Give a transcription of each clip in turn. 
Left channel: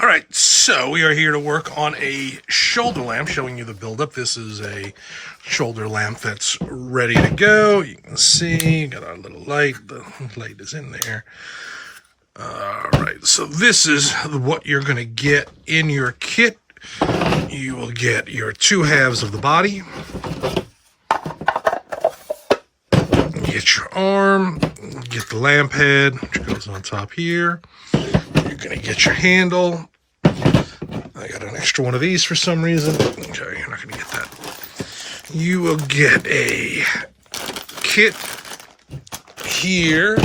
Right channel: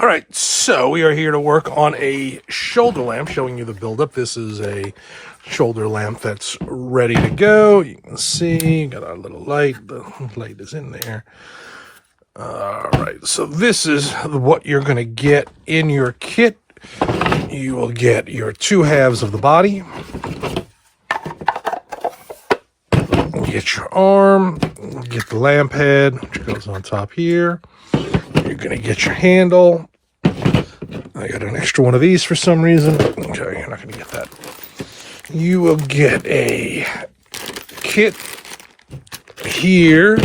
All right, so we are here to work on a shoulder lamp, showing you the buildup. This is a shoulder lamp that's ready to go. You can see, got our little light. The light is in there. All right, so this is what you're going to get in your kit. You will get your two halves of the body. You get your arm, get the lamp head, which goes on top here. You're going to get your handle. I got an extra one of these for some reason. Okay, you're not going to get that. You will get a kit here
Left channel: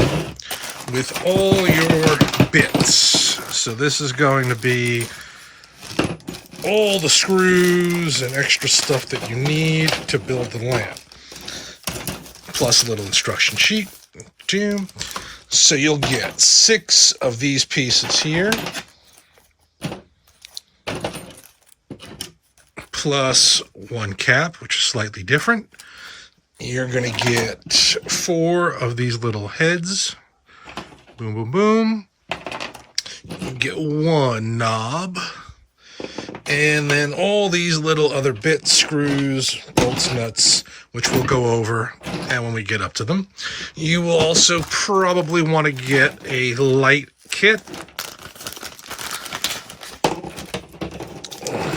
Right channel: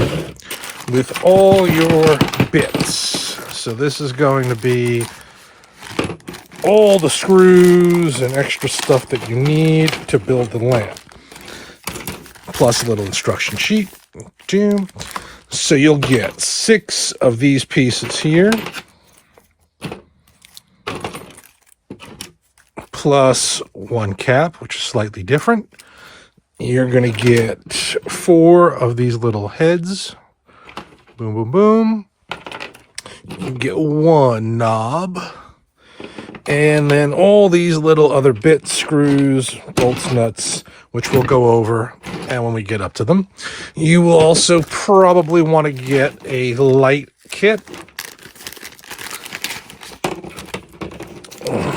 with all your bits. So this is going to be all the screws and extra stuff that you need to build the lamp. Plus a little instruction sheet. So you'll get 6 of these pieces here. Plus 1 cap, which is slightly different. You're going to get 4 of these little heads. Boom, boom, boom. You get 1 knob. And then all these little other bits, screws, bolts, nuts, which we'll go over and when we get up to them. You will also probably want to get a light kit.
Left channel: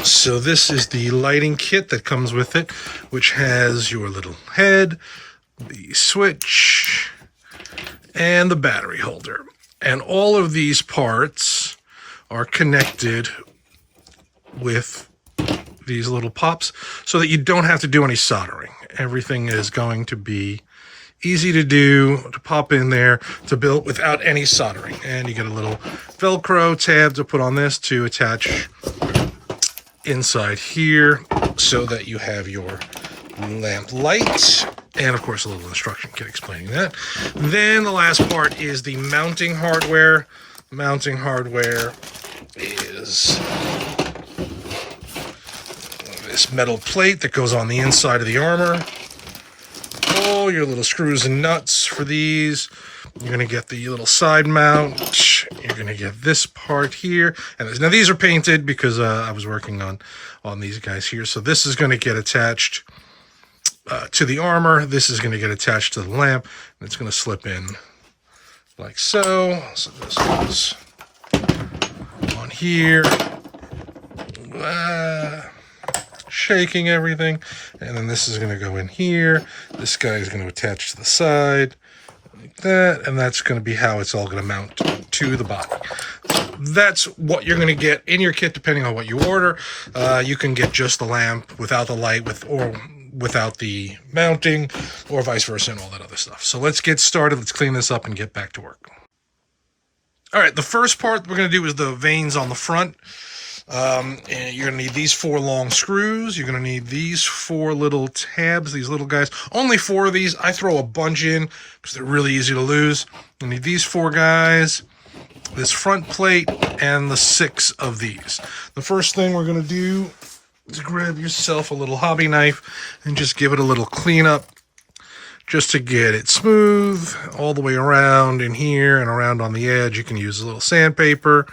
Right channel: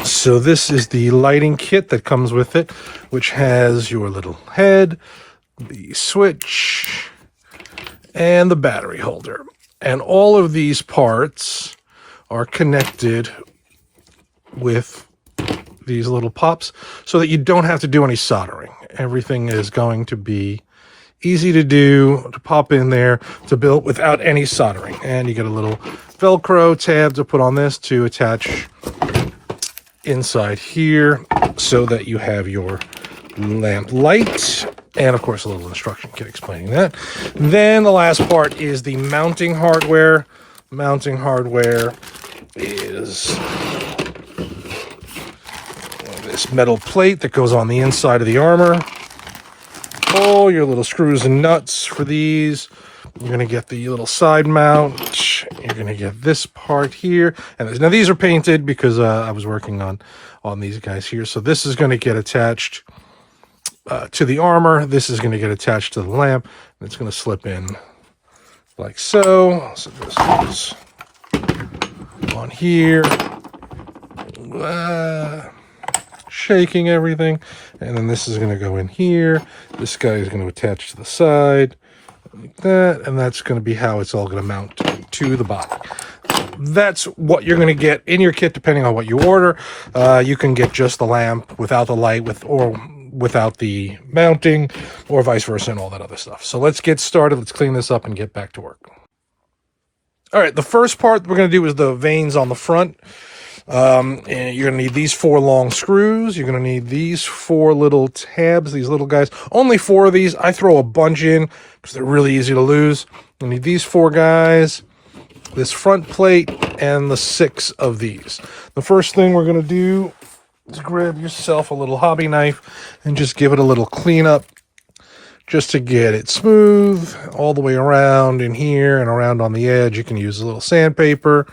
So this is the lighting kit that comes with it, which has your little head, the switch, and the battery holder. And all of these parts are connected with these little pops so that you don't have to do any soldering. Everything is going to be easy to do, to pop in there, to build without any soldering. And you get a little Velcro tab to put on this to attach inside here so that you have your lamp light, and of course a little instruction kit explaining that. Then the last part is the mounting hardware. Mounting hardware is this metal plate that goes on the inside of the armor. All your little screws and nuts for these. You're going to get the little side mount. You're going to get this part here. And now these are painted because I was working on these guys here. So this is going to get attached to the armor. This is going to get attached to the lamp. And it's going to slip in like so. So this goes on here. Shaking everything. And then this is going to go in here. This guy is going to attach to the side. Like that, and that's going to be how it's all going to mount to the body. That's what you're going to get in your kit depending on what you order. You can get just the lamp without the light or without the mounting, or vice versa, and all that other stuff. So let's get started. Let's clean this up and get back to work. All right, the first part we're going to do is the vanes on the front. And you're going to need these 4 long screws. You're going to need these 4 little tabs, these little guys. Only 4 of these. I throw a bunch in because they're really easy to lose. You need these 4 guys, this front plate, and the 6 of these. The first thing we're going to do is grab yourself a little hobby knife and just give it a little cleanup just to get it smooth all the way around in here and around on the edge. You can use a little sandpaper.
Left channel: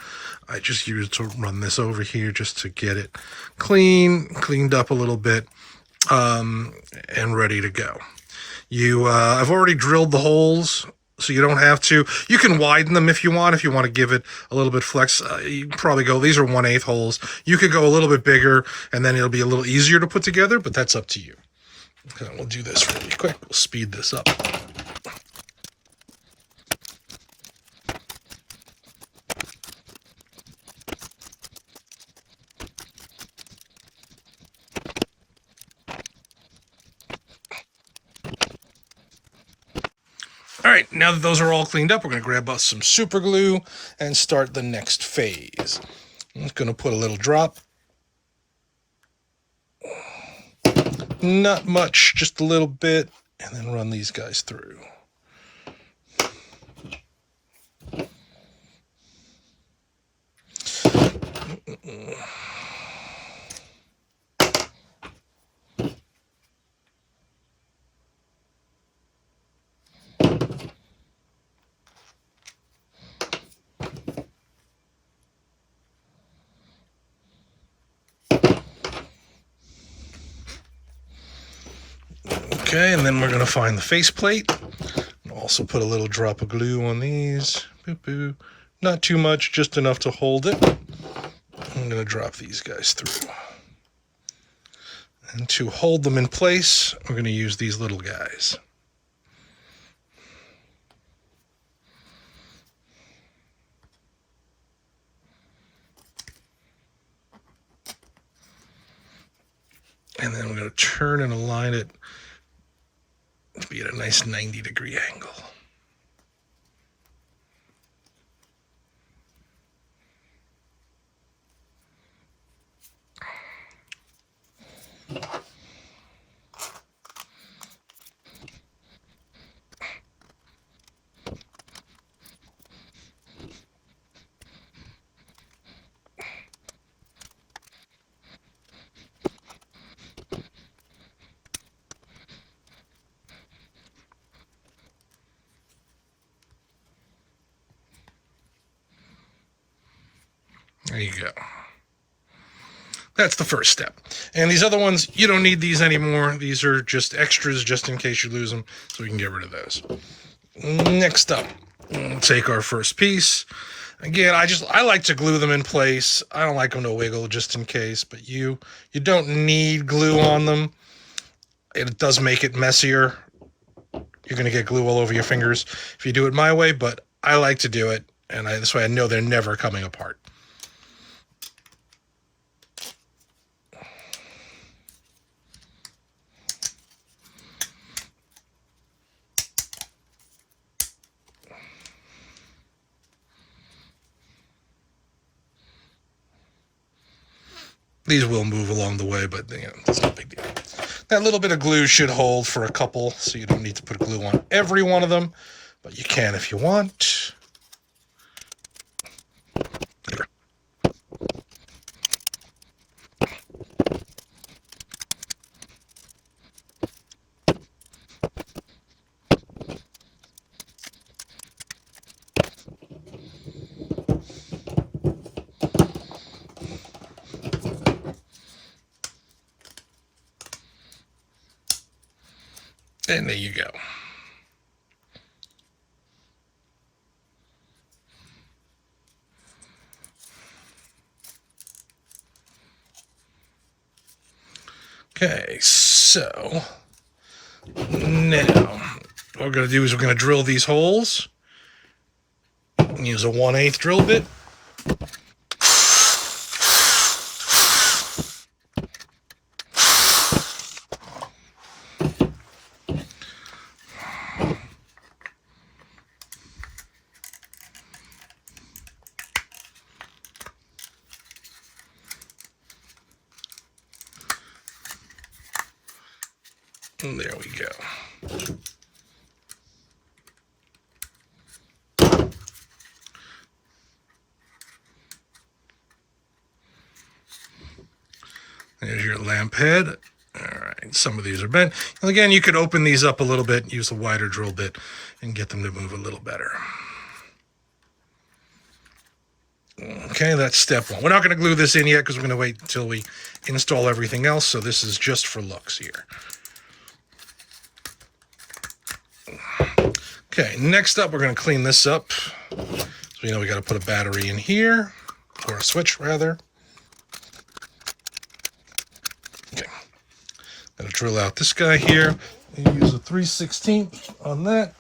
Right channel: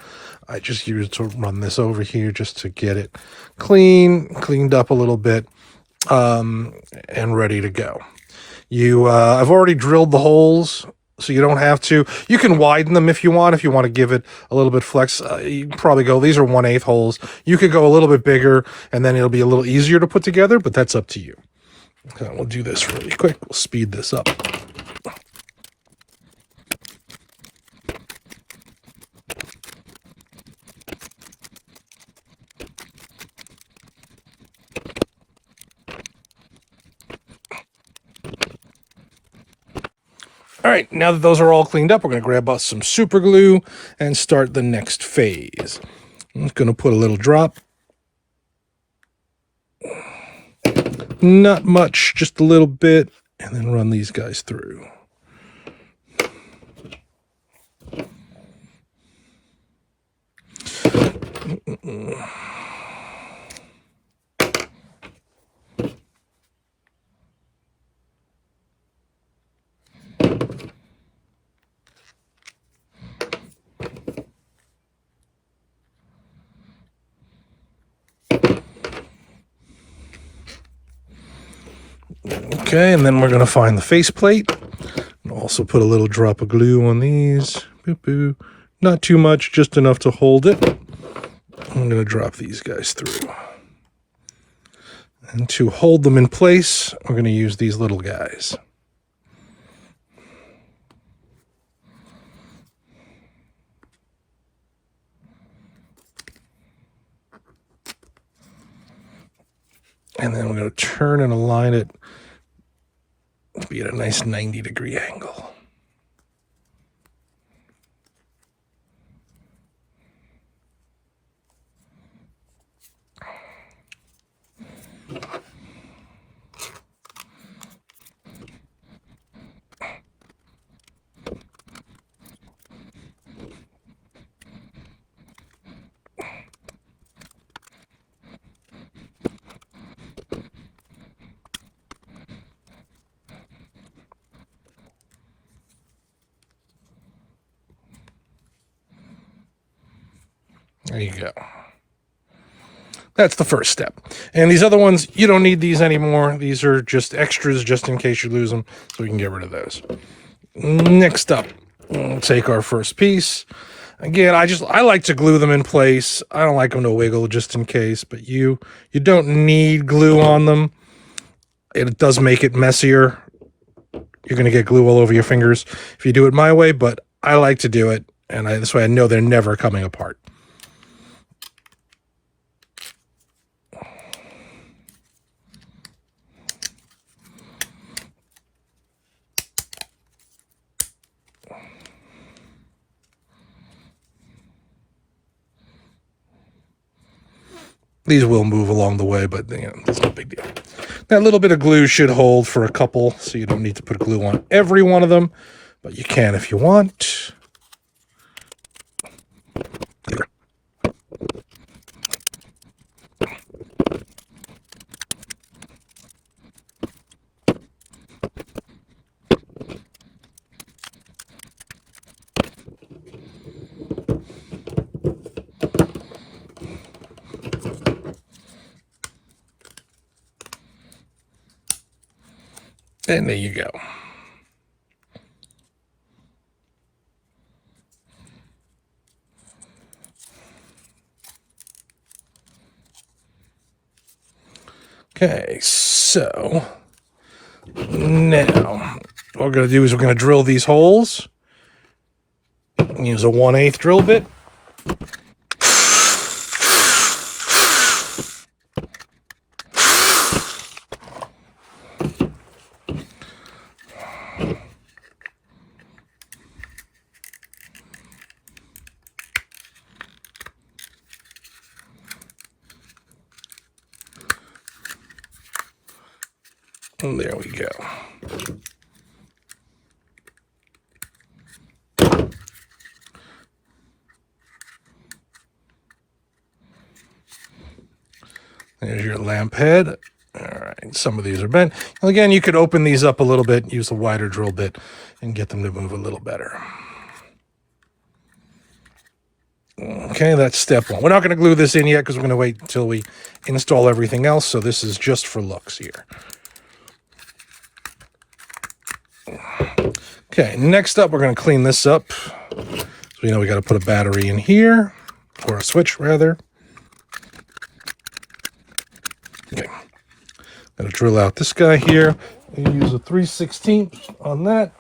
I just used to run this over here just to get it cleaned up a little bit, and ready to go. I've already drilled the holes, so you don't have to. You can widen them if you want to give it a little bit flex. You probably go, these are 1/8 holes. You could go a little bit bigger, and then it'll be a little easier to put together, but that's up to you. So we'll do this really quick. We'll speed this up. All right, now that those are all cleaned up, we're going to grab us some super glue and start the next phase. I'm just going to put a little drop. Not much, just a little bit, and then run these guys through. Okay, and then we're going to find the faceplate. Also put a little drop of glue on these. Boop, boop. Not too much, just enough to hold it. I'm going to drop these guys through. And to hold them in place, we're going to use these little guys. And then we're going to turn and align it to be at a nice 90-degree angle. There you go. That's the first step. And these other ones, you don't need these anymore. These are just extras just in case you lose them, so we can get rid of those. Next up, we'll take our first piece. Again, I like to glue them in place. I don't like them to wiggle just in case, but you don't need glue on them. It does make it messier. You're going to get glue all over your fingers if you do it my way, but I like to do it, and this way I know they're never coming apart. These will move along the way, but it's no big deal. That little bit of glue should hold for a couple, so you don't need to put glue on every one of them, but you can if you want. And there you go. Okay, so now what we're going to do is we're going to drill these holes. Use a 1/8 drill bit. And there we go. There's your lamp head. All right, some of these are bent. And again, you could open these up a little bit, use a wider drill bit, and get them to move a little better. Okay, that's step one. We're not going to glue this in yet because we're going to wait until we install everything else, so this is just for looks here. Okay, next up, we're going to clean this up. So we know we got to put a battery in here, or a switch rather. Okay, got to drill out this guy here. You use a 3/16 on that.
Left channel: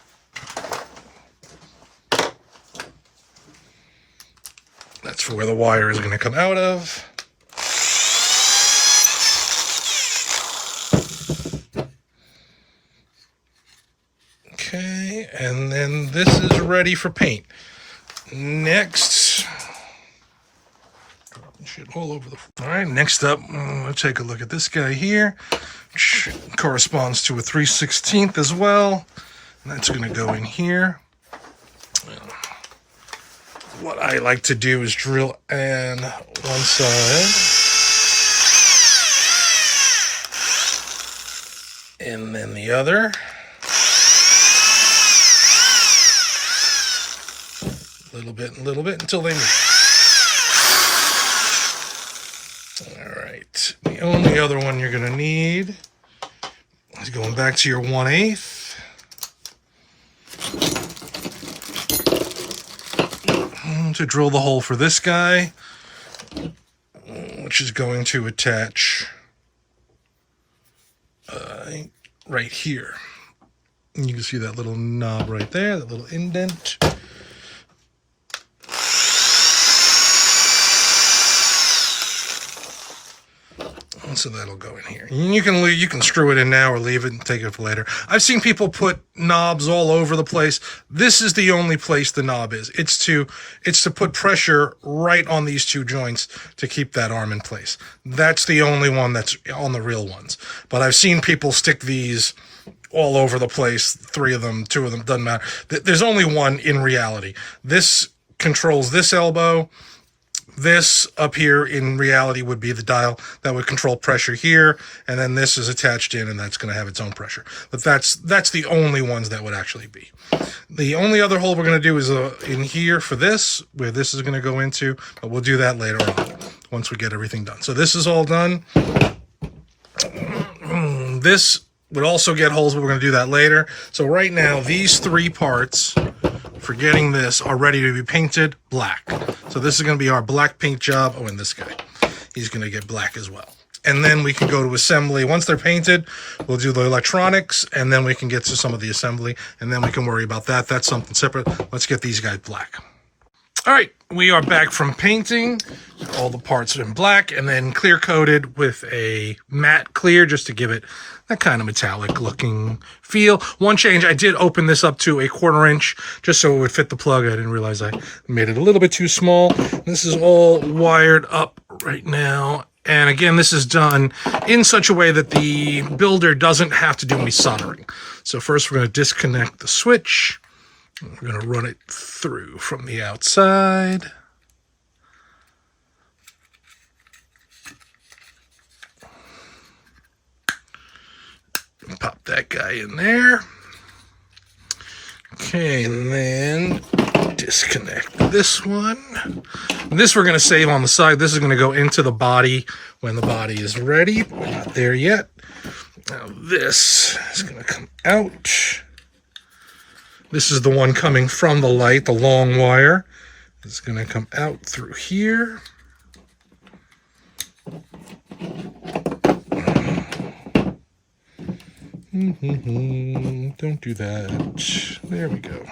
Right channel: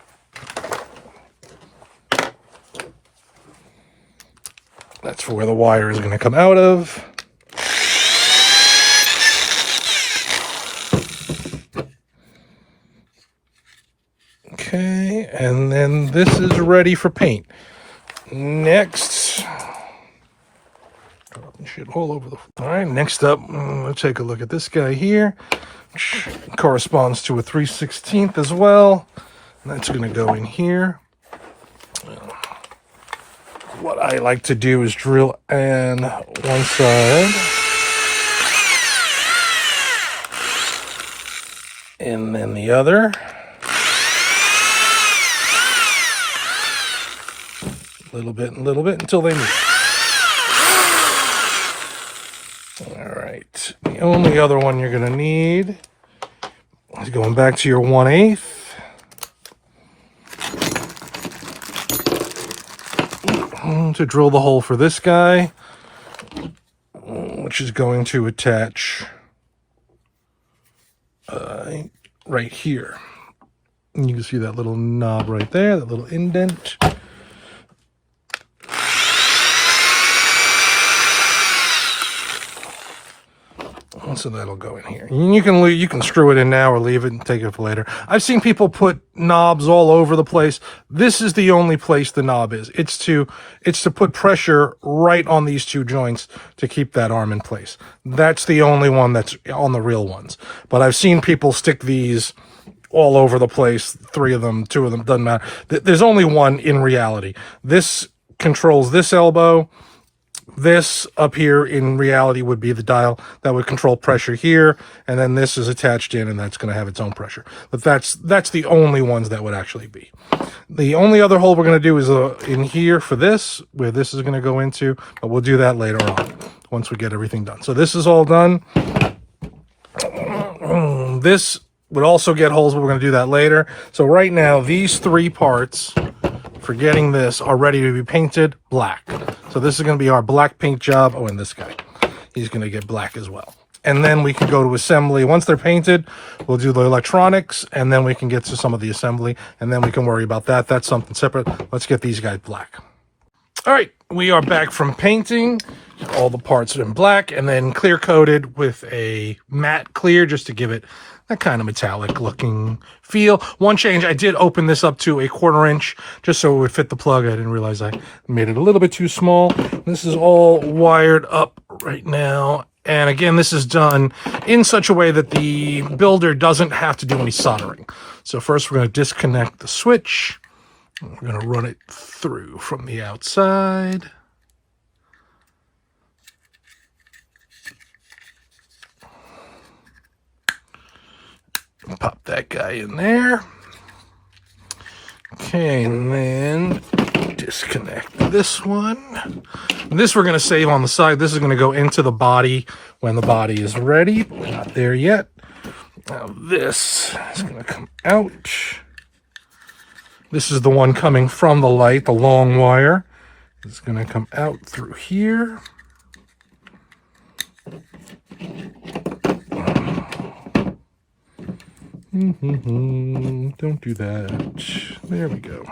That's for where the wire is going to come out of. Okay, and then this is ready for paint. Next, shit all over the. All right, next up, let's take a look at this guy here, which corresponds to a 3/16 as well. And that's going to go in here. What I like to do is drill in one side, and then the other. A little bit until they move. All right. The only other one you're going to need Going back to your 1/8. To drill the hole for this guy, which is going to attach right here. And you can see that little knob right there, that little indent. So that'll go in here. You can screw it in now or leave it and take it for later. I've seen people put knobs all over the place. This is the only place the knob is. It's to put pressure right on these two joints to keep that arm in place. That's the only one that's on the real ones. But I've seen people stick these all over the place. 3 of them, 2 of them, doesn't matter. There's only one in reality. This controls this elbow. This up here in reality would be the dial that would control pressure here, and then this is attached in, and that's going to have its own pressure. But that's the only ones that would actually be. The only other hole we're going to do is in here for this, where this is going to go into, but we'll do that later on once we get everything done. So this is all done. This would also get holes, but we're going to do that later. So right now, these 3 parts, forgetting this, are ready to be painted black. So this is going to be our black paint job. Oh, and this guy, he's going to get black as well. And then we can go to assembly. Once they're painted, we'll do the electronics, and then we can get to some of the assembly, and then we can worry about that. That's something separate. Let's get these guys black. All right, we are back from painting. All the parts are in black, and then clear coated with a matte clear just to give it that kind of metallic looking feel. One change, I did open this up to a 1/4 inch just so it would fit the plug. I didn't realize I made it a little bit too small. This is all wired up right now. And again, this is done in such a way that the builder doesn't have to do any soldering. So first we're going to disconnect the switch. We're going to run it through from the outside. Pop that guy in there. Okay, and then disconnect this one. This we're going to save on the side. This is going to go into the body when the body is ready. We're not there yet. Now this is going to come out. This is the one coming from the light, the long wire. It's going to come out through here. Don't do that. There we go.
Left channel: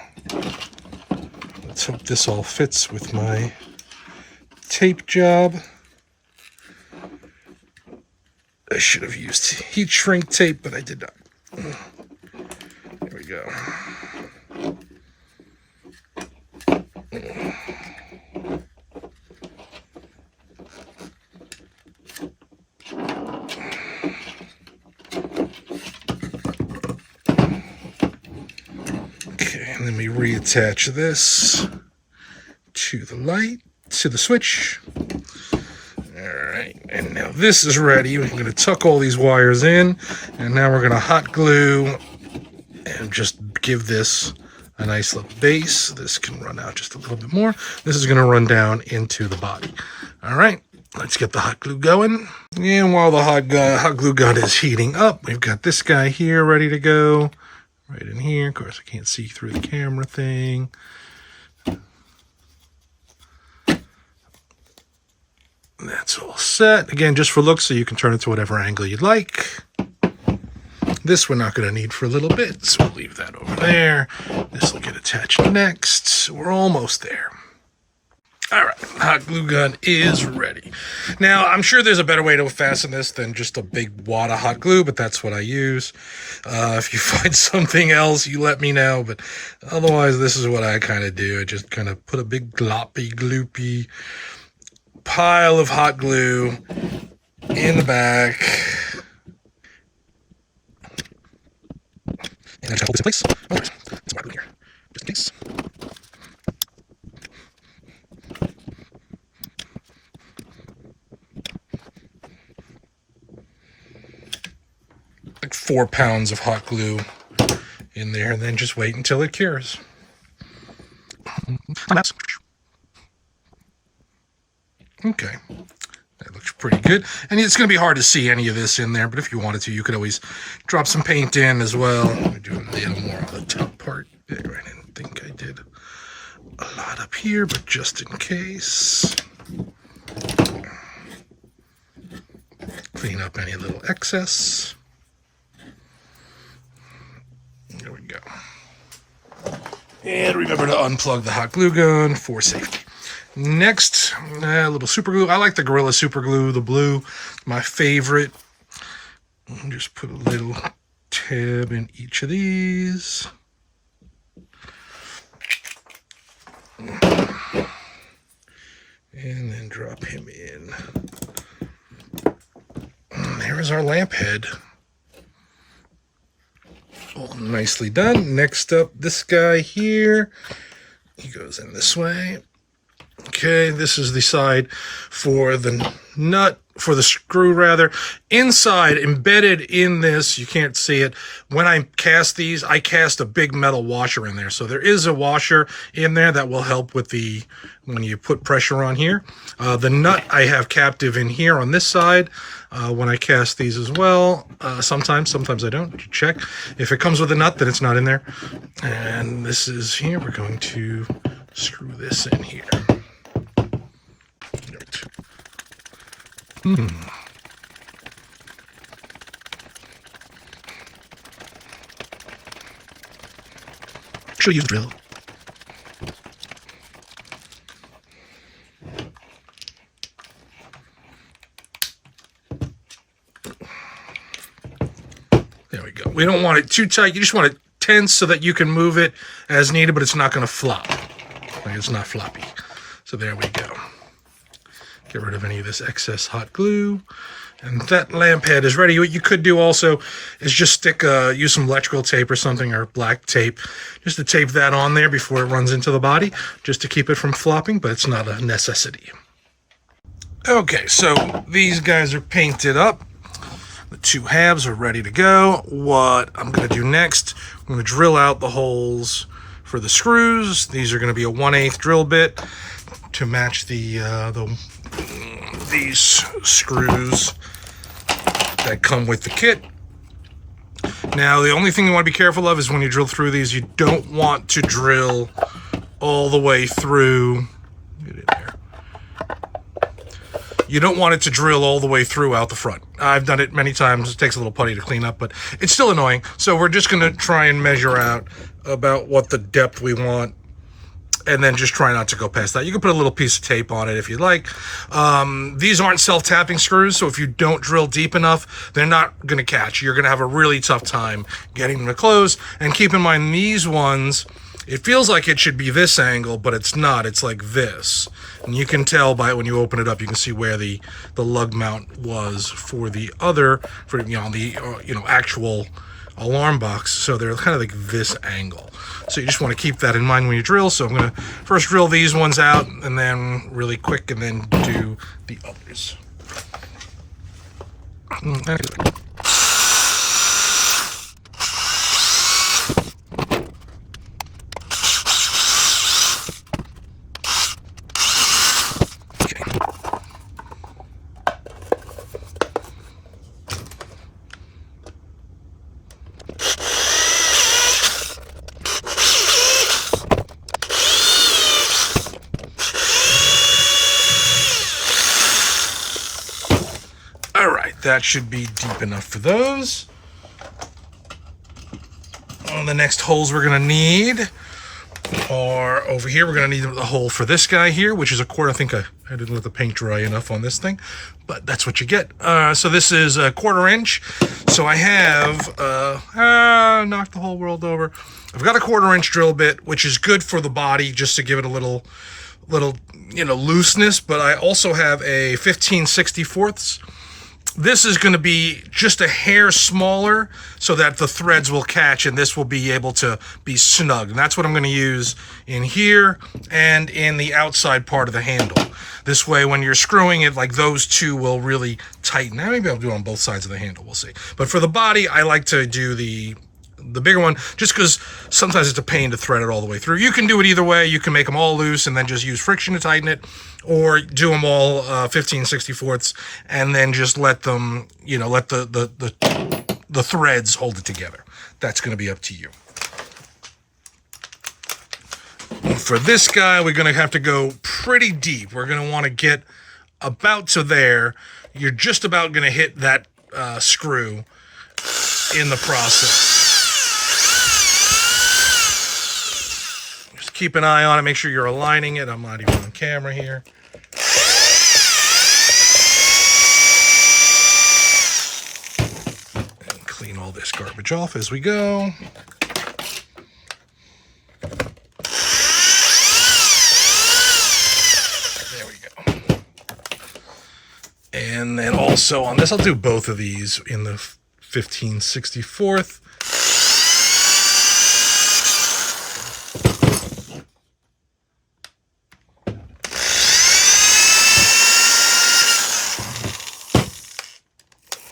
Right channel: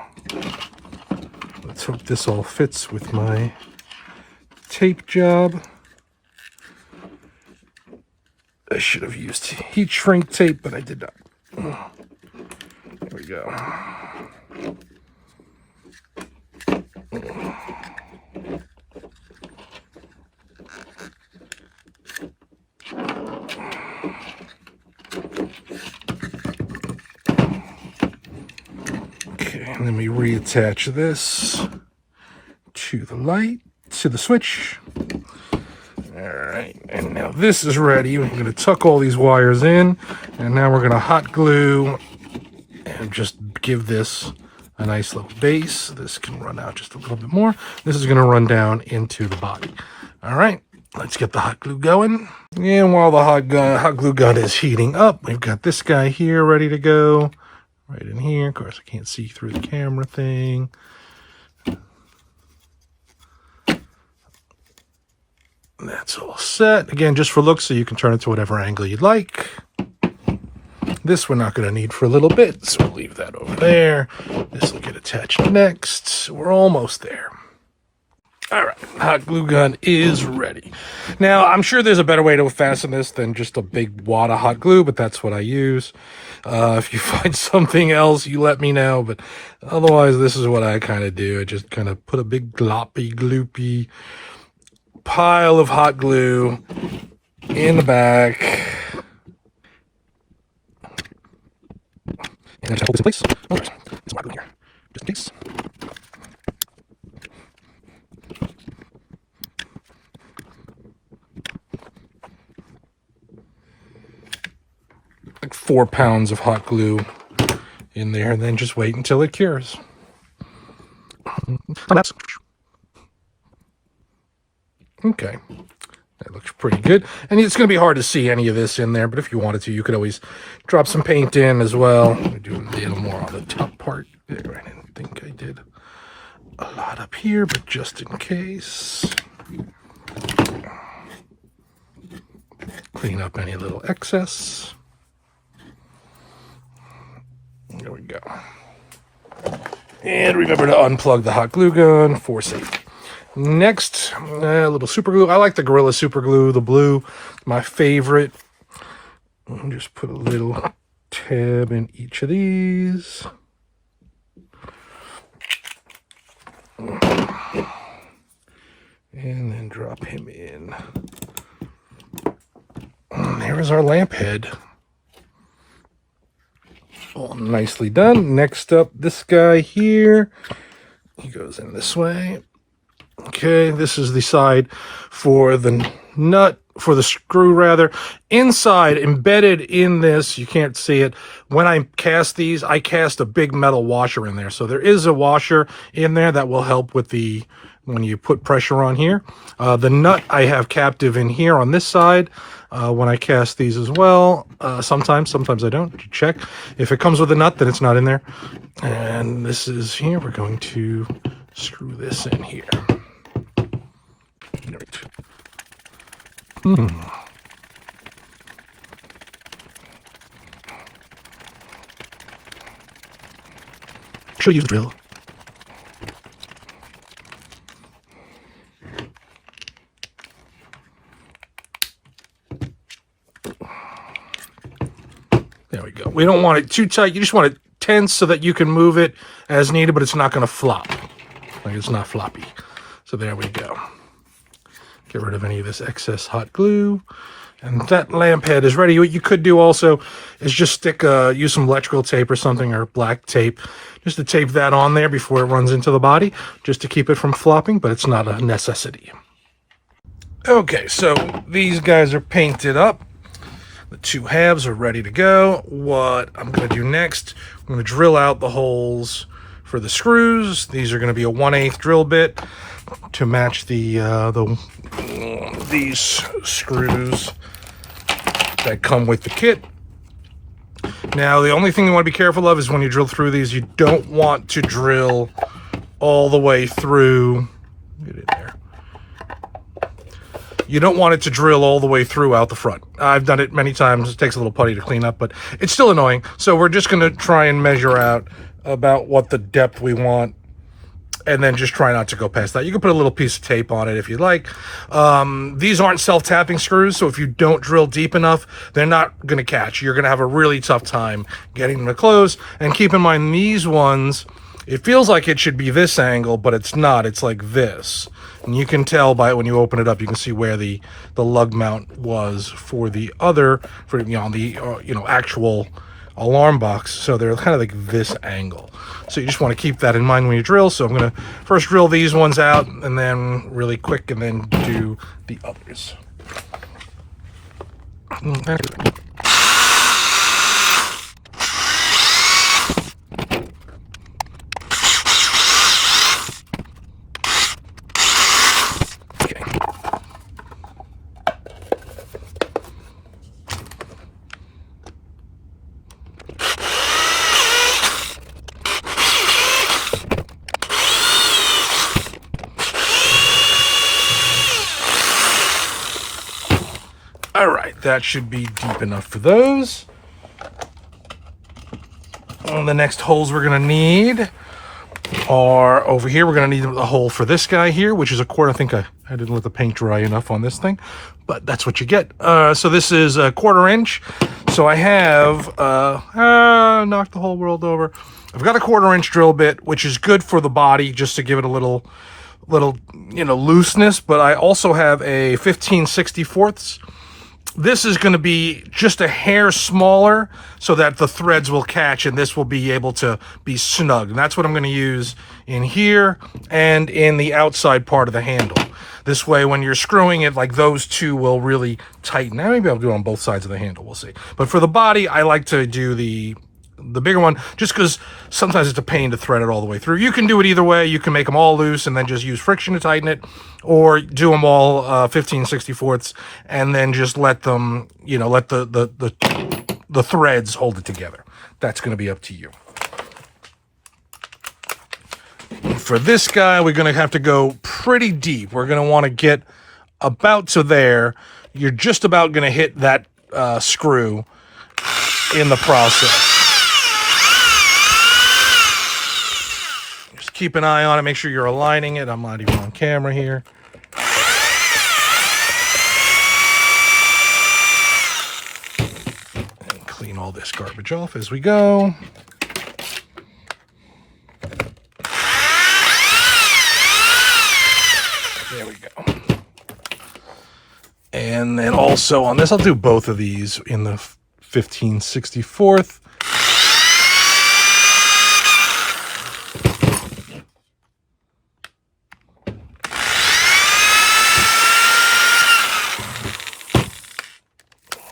Let's hope this all fits with my tape job. I should have used heat shrink tape, but I did not. There we go. Okay, and then we reattach this to the light, to the switch. All right, and now this is ready. We're going to tuck all these wires in, and now we're going to hot glue and just give this a nice little base. This can run out just a little bit more. This is going to run down into the body. All right, let's get the hot glue going. And while the hot glue gun is heating up, we've got this guy here ready to go. Right in here. Of course, I can't see through the camera thing. That's all set. Again, just for looks, so you can turn it to whatever angle you'd like. This we're not going to need for a little bit, so we'll leave that over there. This will get attached next. We're almost there. All right, hot glue gun is ready. Now, I'm sure there's a better way to fasten this than just a big wad of hot glue, but that's what I use. If you find something else, you let me know, but otherwise, this is what I kind of do. I just kind of put a big gloppy, gloopy pile of hot glue in the back. And then just hold this in place. Oh, there's some hot glue in here, just in case. Like 4 pounds of hot glue in there, and then just wait until it cures. Okay, That looks pretty good. And it's going to be hard to see any of this in there, but if you wanted to, you could always drop some paint in as well. We're doing a little more on the top part. I didn't think I did a lot up here, but just in case. Clean up any little excess. There we go. And remember to unplug the hot glue gun for safety. Next, a little super glue. I like the Gorilla super glue, the blue, my favorite. Just put a little tab in each of these. And then drop him in. And there's our lamp head. All nicely done. Next up, this guy here. He goes in this way. Okay, this is the side for the nut, for the screw rather. Inside, embedded in this, you can't see it. When I cast these, I cast a big metal washer in there. So there is a washer in there that will help with the, when you put pressure on here. The nut I have captive in here on this side. When I cast these as well, sometimes I don't. Check. If it comes with a nut, then it's not in there. And this is here. We're going to screw this in here. Should use the drill. There we go. We don't want it too tight. You just want it tense so that you can move it as needed, but it's not going to flop. Like it's not floppy. So there we go. Get rid of any of this excess hot glue. And that lamp head is ready. What you could do also is just stick, use some electrical tape or something, or black tape, just to tape that on there before it runs into the body, just to keep it from flopping, but it's not a necessity. Okay, so these guys are painted up. The two halves are ready to go. What I'm going to do next, I'm going to drill out the holes for the screws. These are going to be a 1/8 drill bit to match these screws that come with the kit. Now, the only thing you want to be careful of is when you drill through these, you don't want to drill all the way through. Get in there. You don't want it to drill all the way through out the front. I've done it many times. It takes a little putty to clean up, but it's still annoying. So we're just going to try and measure out about what the depth we want, and then just try not to go past that. You can put a little piece of tape on it if you'd like. These aren't self-tapping screws, so if you don't drill deep enough, they're not going to catch. You're going to have a really tough time getting them to close. And keep in mind, these ones, it feels like it should be this angle, but it's not. It's like this. And you can tell by when you open it up, you can see where the lug mount was for the other, for the actual alarm box. So they're kind of like this angle. So you just want to keep that in mind when you drill. So I'm going to first drill these ones out, and then really quick, and then do the others. All right, that should be deep enough for those. And the next holes we're gonna need are over here. We're gonna need a hole for this guy here, which is a quarter. I think I didn't let the paint dry enough on this thing, but that's what you get. So this is a 1/4 inch. So I have, knocked the whole world over. I've got a 1/4 inch drill bit, which is good for the body, just to give it a little looseness, but I also have a 15/64. This is going to be just a hair smaller so that the threads will catch, and this will be able to be snug. And that's what I'm going to use in here and in the outside part of the handle. This way, when you're screwing it, like those two will really tighten. Now, maybe I'll do it on both sides of the handle. We'll see. But for the body, I like to do the the bigger one, just because sometimes it's a pain to thread it all the way through. You can do it either way. You can make them all loose and then just use friction to tighten it, or do them all 15/64 and then just let them, you know, let the threads hold it together. That's going to be up to you. For this guy, we're going to have to go pretty deep. We're going to want to get about to there. You're just about going to hit that screw in the process. Just keep an eye on it. Make sure you're aligning it. I'm not even on camera here. And clean all this garbage off as we go. There we go. And then also on this, I'll do both of these in the 15/64.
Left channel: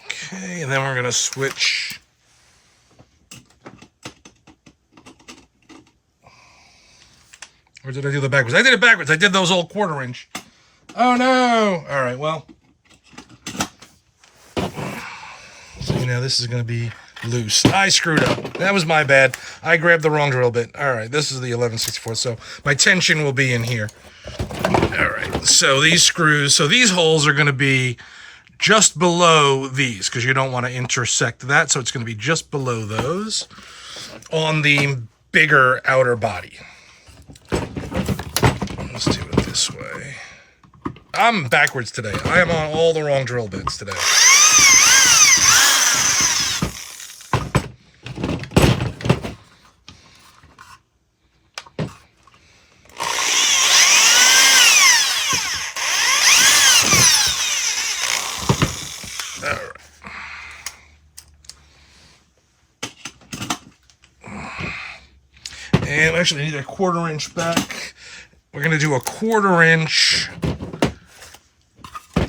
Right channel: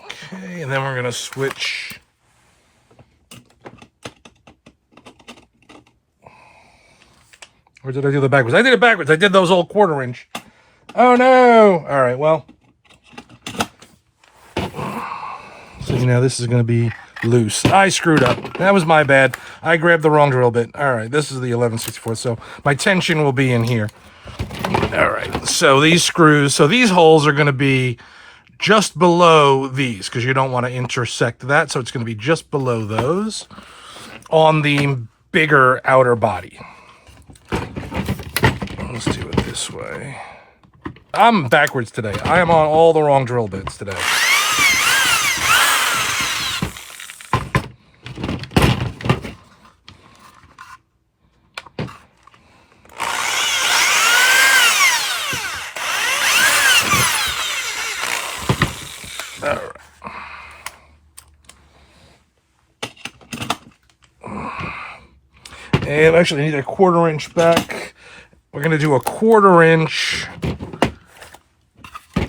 Okay, and then we're going to switch. Or did I do the backwards? I did it backwards. I did those old 1/4 inch. Oh no! All right, well. So now this is going to be loose. I screwed up. That was my bad. I grabbed the wrong drill bit. All right, this is the 11/64, so my tension will be in here. All right, so these screws, so these holes are going to be just below these because you don't want to intersect that, so it's going to be just below those on the bigger outer body. Let's do it this way. I'm backwards today. I am on all the wrong drill bits today. All right. And actually I need a 1/4 inch back. We're going to do a 1/4 inch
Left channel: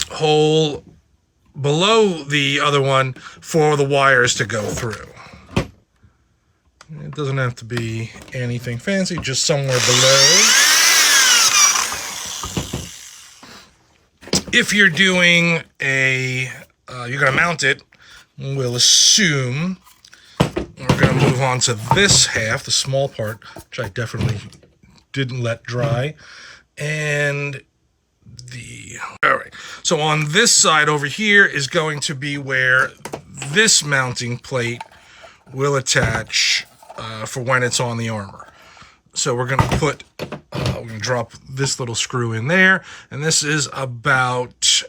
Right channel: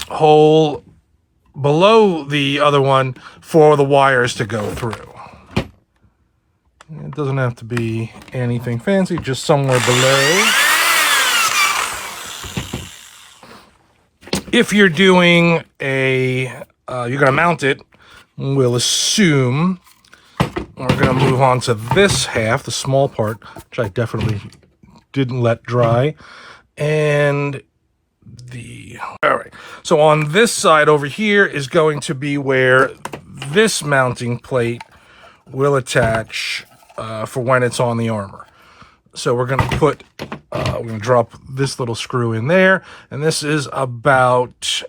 hole below the other one for the wires to go through. It doesn't have to be anything fancy, just somewhere below. If you're doing a, you're going to mount it, we'll assume we're going to move on to this half, the small part, which I definitely didn't let dry. And all right, so on this side over here is going to be where this mounting plate will attach for when it's on the armor. So we're going to put, we're going to drop this little screw in there, and this is about,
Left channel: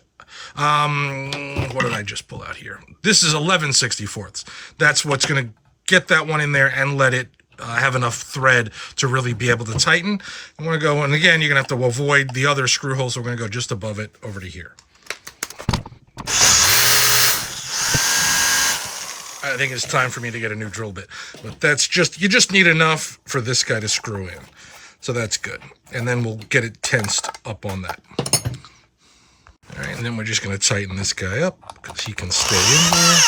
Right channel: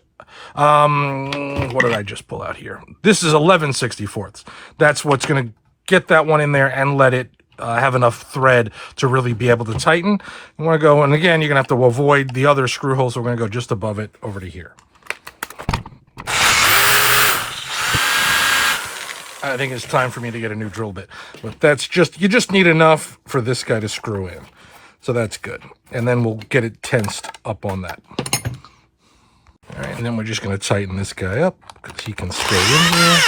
what did I just pull out here? This is 11/64. That's what's going to get that one in there and let it have enough thread to really be able to tighten. You want to go, and again, you're going to have to avoid the other screw holes, so we're going to go just above it over to here. I think it's time for me to get a new drill bit, but that's just, you just need enough for this guy to screw in. So that's good. And then we'll get it tensed up on that. All right, and then we're just going to tighten this guy up because he can stay in here.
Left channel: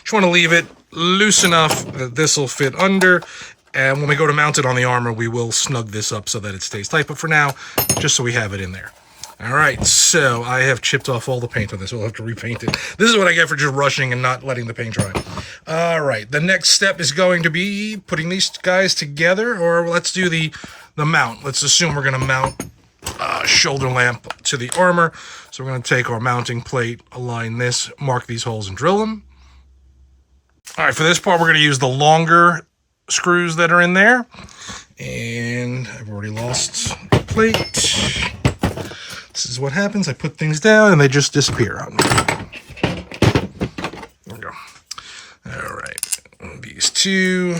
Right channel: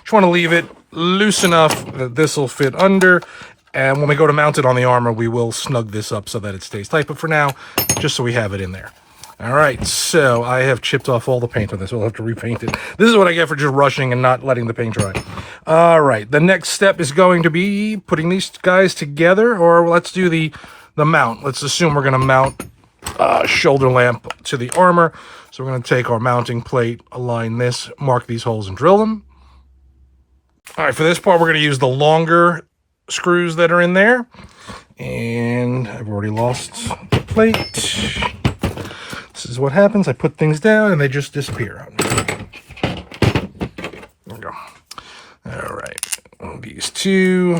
Just want to leave it loose enough that this will fit under. And when we go to mount it on the armor, we will snug this up so that it stays tight. But for now, just so we have it in there. All right, so I have chipped off all the paint on this. We'll have to repaint it. This is what I get for just rushing and not letting the paint dry. All right, the next step is going to be putting these guys together, or let's do the mount. Let's assume we're going to mount shoulder lamp to the armor. So we're going to take our mounting plate, align this, mark these holes, and drill them. All right, for this part, we're going to use the longer screws that are in there. And I've already lost the plate. This is what happens. I put things down and they just disappear on me. There we go. All right. These two.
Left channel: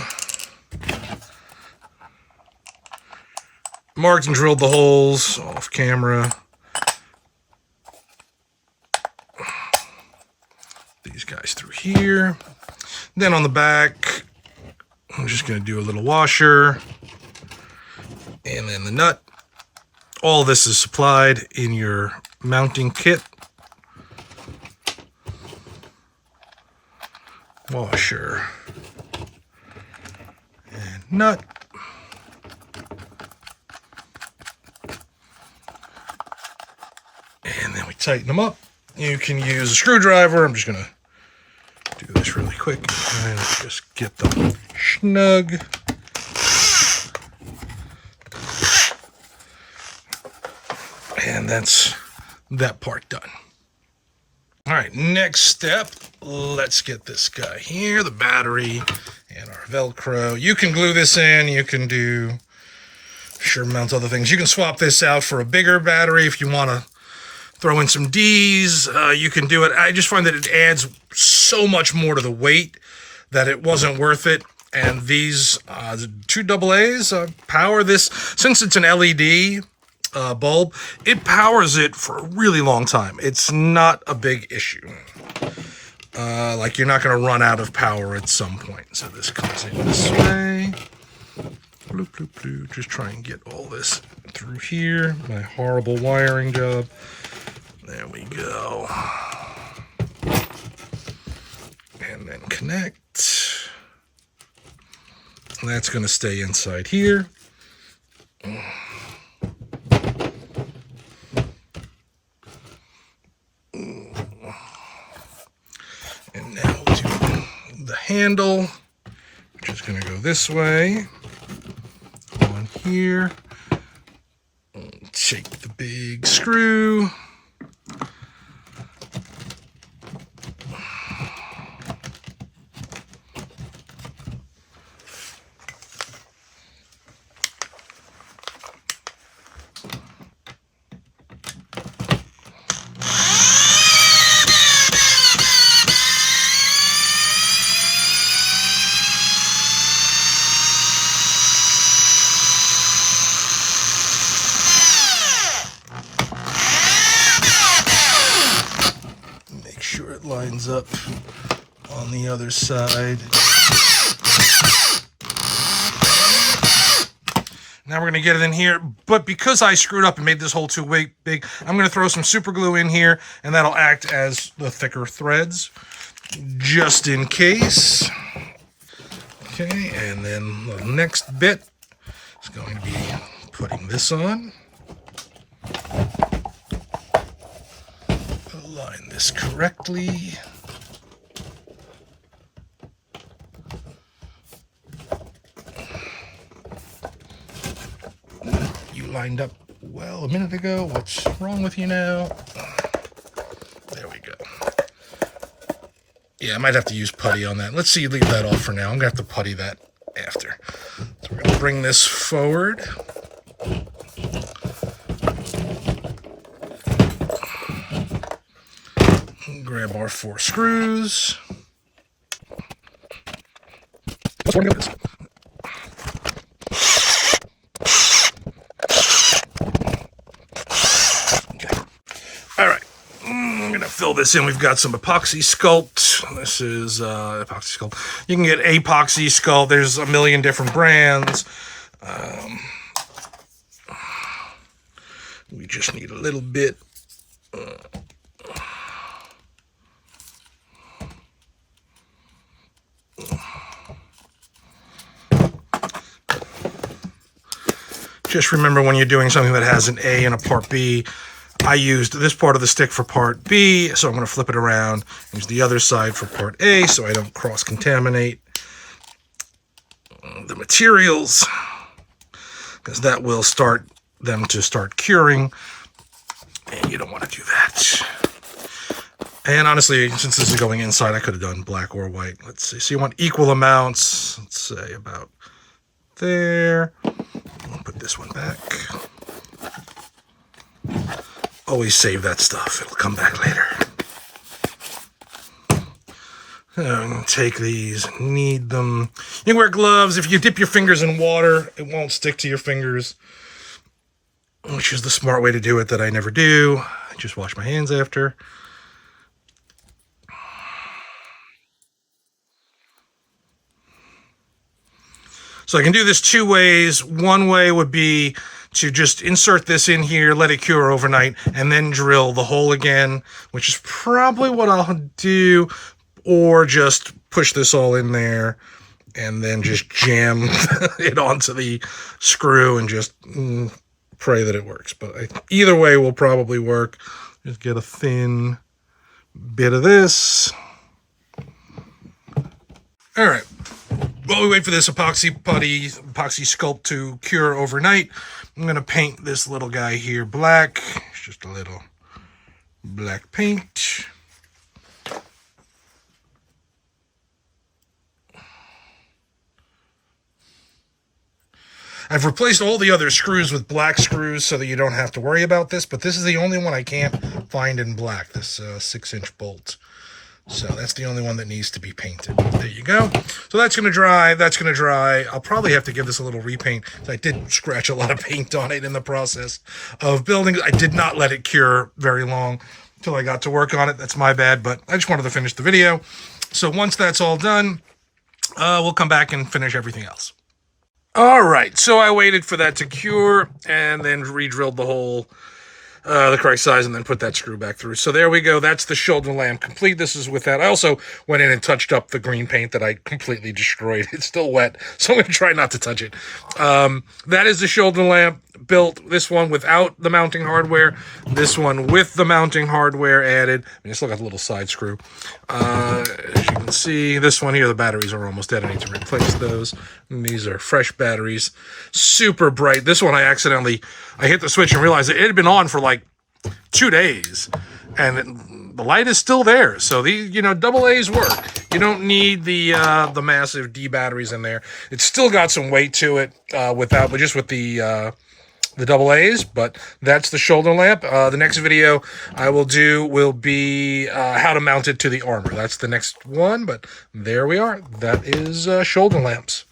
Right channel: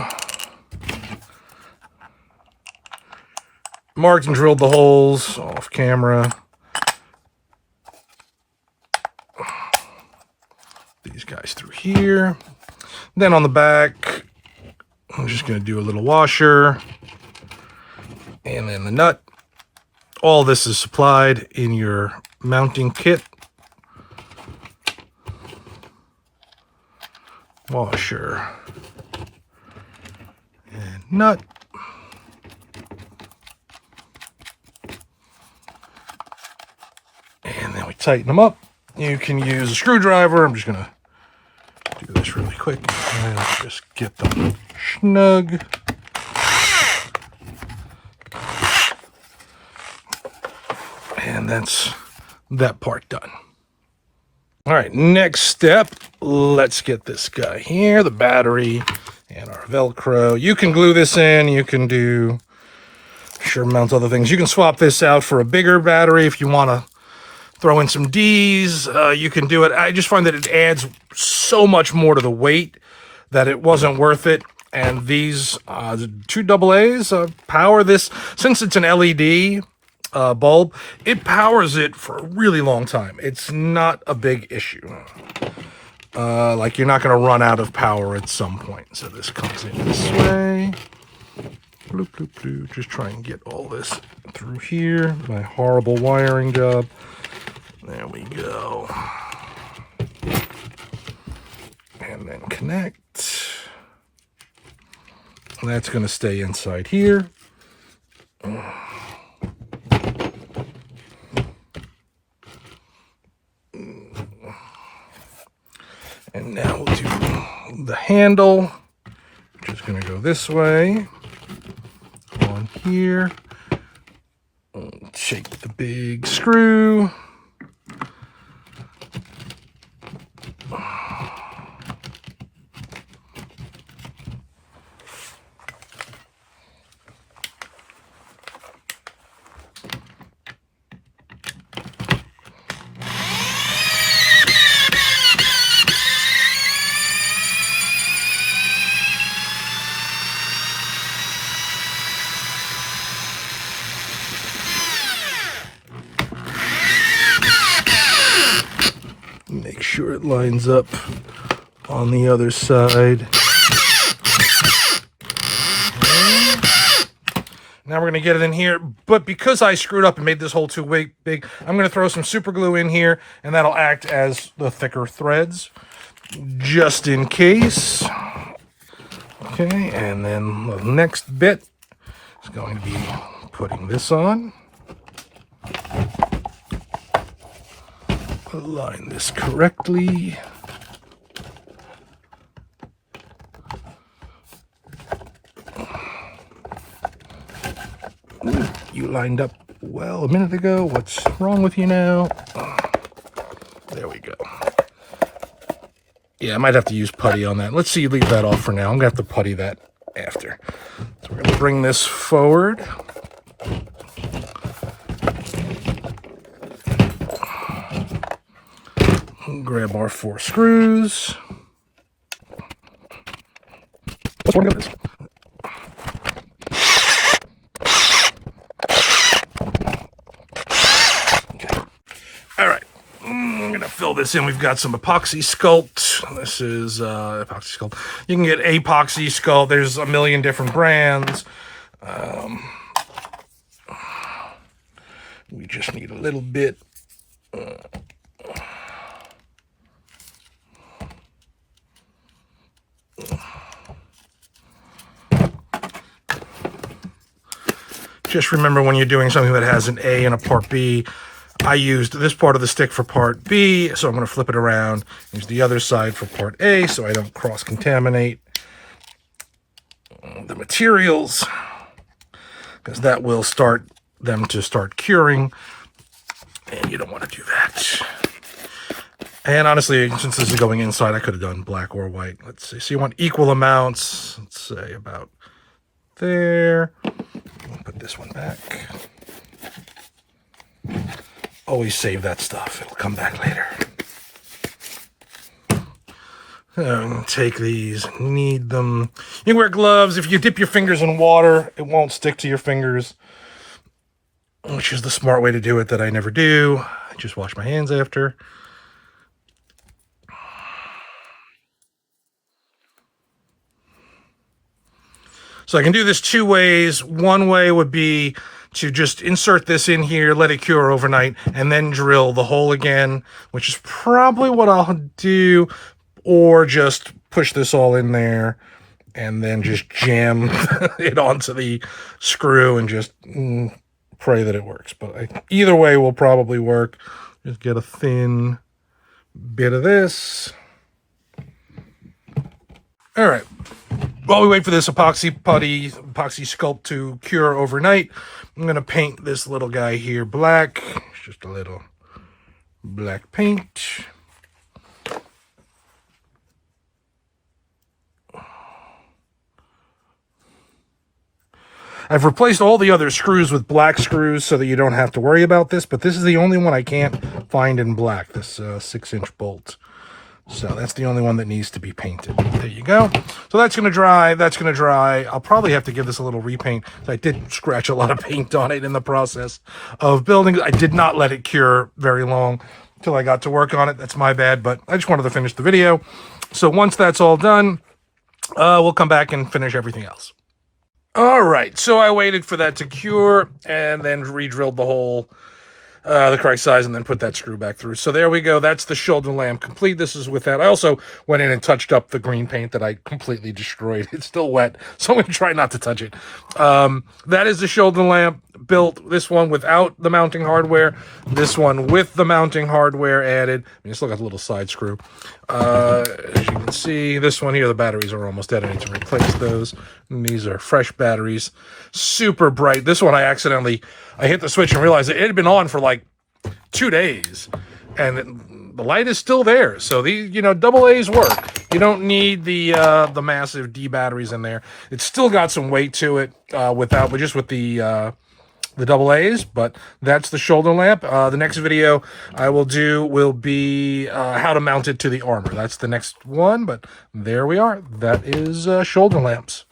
Marked and drilled the holes off camera. These guys through here. Then on the back, I'm just going to do a little washer. And then the nut. All this is supplied in your mounting kit. Washer. nut. And then we tighten them up. You can use a screwdriver. I'm just going to do this really quick and just get them snug. And that's that part done. All right, next step, let's get this guy here, the battery and our Velcro. You can glue this in, you can do sure amounts of other things. You can swap this out for a bigger battery if you want to throw in some D's. You can do it. I just find that it adds so much more to the weight that it wasn't worth it. And these two AA's power this. Since it's an LED bulb, it powers it for a really long time. It's not a big issue. Like you're not going to run out of power at some point. So this comes in this way. Bloop, bloop, bloop. Just try and get all this through here. My horrible wiring job. There we go. And then connect. And that's going to stay inside here. And now we'll do the handle, which is going to go this way. On here. Take the big screw. Make sure it lines up on the other side. Now we're going to get it in here, but because I screwed up and made this hole too big, I'm going to throw some super glue in here, and that'll act as the thicker threads, just in case. Okay, and then the next bit is going to be putting this on. Align this correctly. You lined up well a minute ago. What's wrong with you now? There we go. Yeah, I might have to use putty on that. Let's see, leave that off for now. I'm going to have to putty that after. So we're going to bring this forward. Grab our 4 screws. All right, I'm going to fill this in. We've got some epoxy sculpt. This is epoxy sculpt. You can get epoxy sculpt. There's a million different brands. We just need a little bit. Just remember when you're doing something that has an A and a part B, I used this part of the stick for part B, so I'm going to flip it around, use the other side for part A so I don't cross-contaminate the materials, because that will start them to start curing, and you don't want to do that. And honestly, since this is going inside, I could have done black or white. Let's see. So you want equal amounts, let's say about there. I'll put this one back. Always save that stuff. It'll come back later. Take these. Need them. You can wear gloves. If you dip your fingers in water, it won't stick to your fingers, which is the smart way to do it that I never do. I just wash my hands after. So I can do this 2 ways. One way would be to just insert this in here, let it cure overnight, and then drill the hole again, which is probably what I'll do, or just push this all in there and then just jam it onto the screw and just pray that it works. But either way will probably work. Just get a thin bit of this. All right. While we wait for this epoxy sculpt to cure overnight, I'm going to paint this little guy here black. It's just a little black paint. I've replaced all the other screws with black screws so that you don't have to worry about this, but this is the only one I can't find in black, this 6-inch bolt. So that's the only one that needs to be painted. There you go. So that's going to dry. That's going to dry. I'll probably have to give this a little repaint. I did scratch a lot of paint on it in the process of building. I did not let it cure very long until I got to work on it. That's my bad, but I just wanted to finish the video. So once that's all done, we'll come back and finish everything else. All right, so I waited for that to cure and then re-drilled the hole, the correct size, and then put that screw back through. So there we go. That's the shoulder lamp complete. This is with that. I also went in and touched up the green paint that I completely destroyed. It's still wet, so I'm going to try not to touch it. That is the shoulder lamp built. This one without the mounting hardware. This one with the mounting hardware added. I mean, I still got the little side screw. As you can see, this one here, the batteries are almost dead. I need to replace those. And these are fresh batteries. Super bright. This one I hit the switch and realized it had been on for like 2 days. And the light is still there. So these, double A's work. You don't need the massive D batteries in there. It's still got some weight to it but just with the double A's, but that's the shoulder lamp. The next video I will do will be how to mount it to the armor. That's the next one, but there we are. That is shoulder lamps.